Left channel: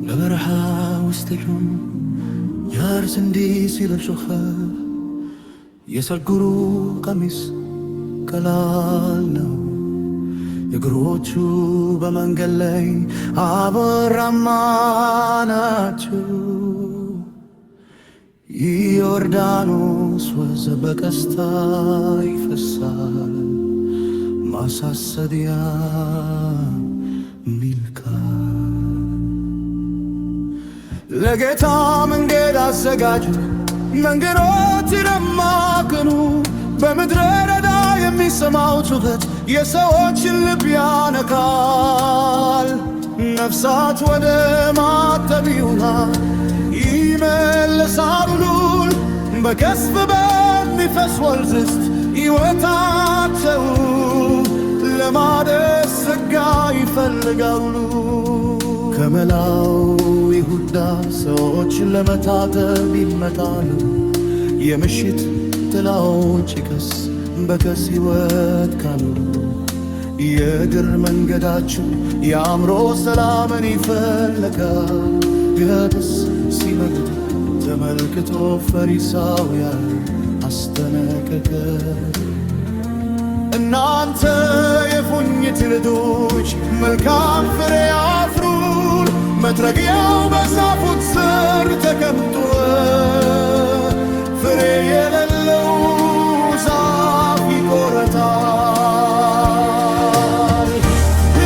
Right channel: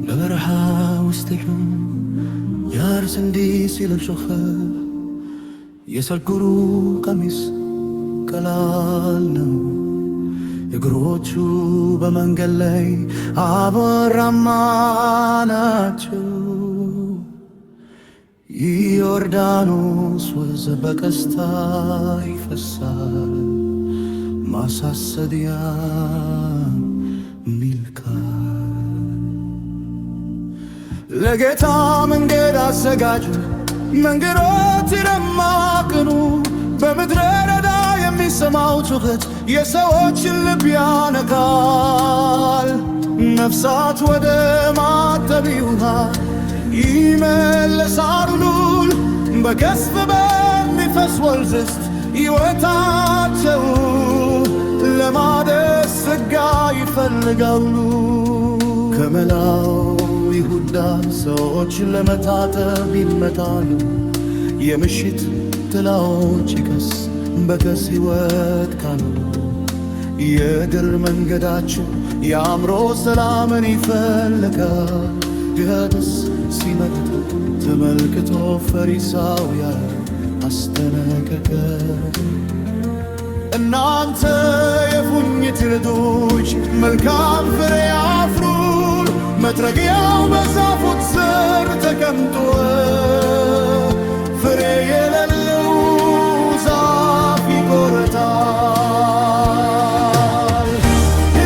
በበረሃ ውስጥ ሄዱም ያርስ እንዲህ ሲል ጮኸ። የሰልጉሩ ቀሚስ ቀላል ነው፣ እግሮቹ በመንገድ ላይ አቧራማ ናቸው። ዮርዳኖስ ወንዝ በቀስታ ይፈሳል፣ ማሳሰቢያ ሚልካል። ለጌታ መንገድ አዘጋጁ፣ መንገዶች ደማቅኑ። በምድረ በዳ የሚሰማው ጩኸት የሰዎችን ልብ ያነካል። ነፍሳት ወደ ማጠቢያ ውሃ ይመለሳሉ። ሉል በከስፍ በሚፈስ ወንዝ ውስጥ ሕይወታቸው ለማደስ ሥጋ ይፈልጋሉ። ከመላው ይሁዳ ሰዎች ለመታጠብ ይመጣሉ። የምሽት ጥላዎች ቀስ በቀስ ሕይወት ካኖሩ። የድር መንገዳችሁ የአእምሮ ሰላምን ይፈልጋል። ገደስ ሲመጡ ተመልክቶ ፈሪሳውያን አስጠነቀቀ። እናንተ የፉኝት ልጆች መልካም ፍሬ አፍሩ፣ መጥረጊያው በዛፎች ስር ተቀምጦ ፍሬ የሌለው ዛፍ ይቆረጣል።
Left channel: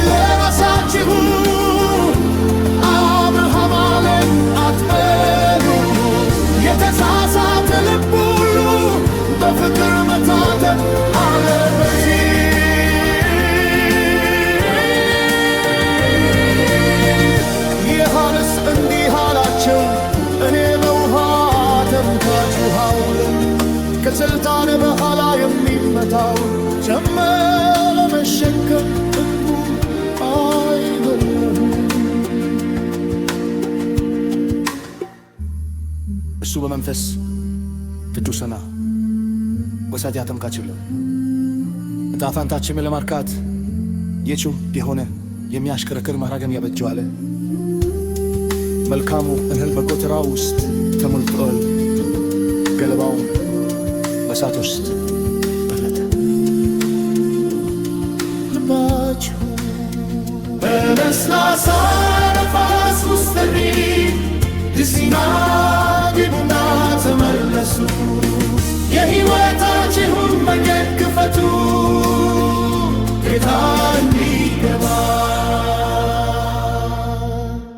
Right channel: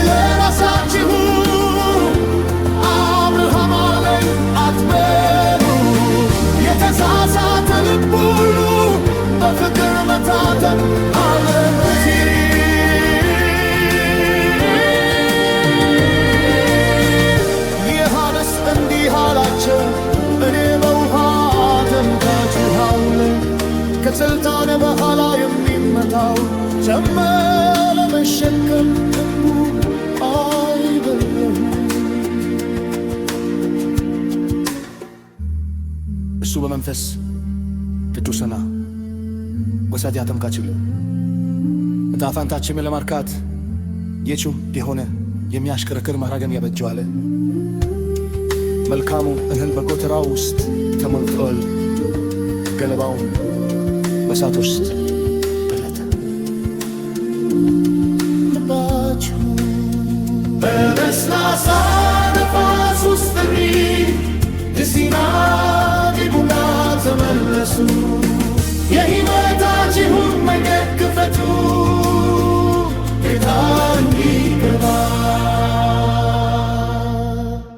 ለራሳችሁ አብርሃም አለኝ አትበሉ። የተሳሳተ ልብ ሁሉ በፍቅር መታተም አለበት። ዮሐንስ እንዲህ አላቸው፣ እኔ በውሃ አጠምቃችኋለሁ። ከስልጣን በኋላ የሚመጣው ሸክም ለመሸከም ደግሞ አይደለም። እሱ በመንፈስ ቅዱስና በእሳት ያጠምቃችኋል። ዕጣ ፈንታችንን ለማርካት የጩህ የሆነ የሚያሽከረክር መራገም ያበጀዋል። መልካሙ እህል በጎተራው ውስጥ ተሞልቷል፣ ገለባውም በእሳት ውስጥ በለተ። ልባችሁ በለስላሳ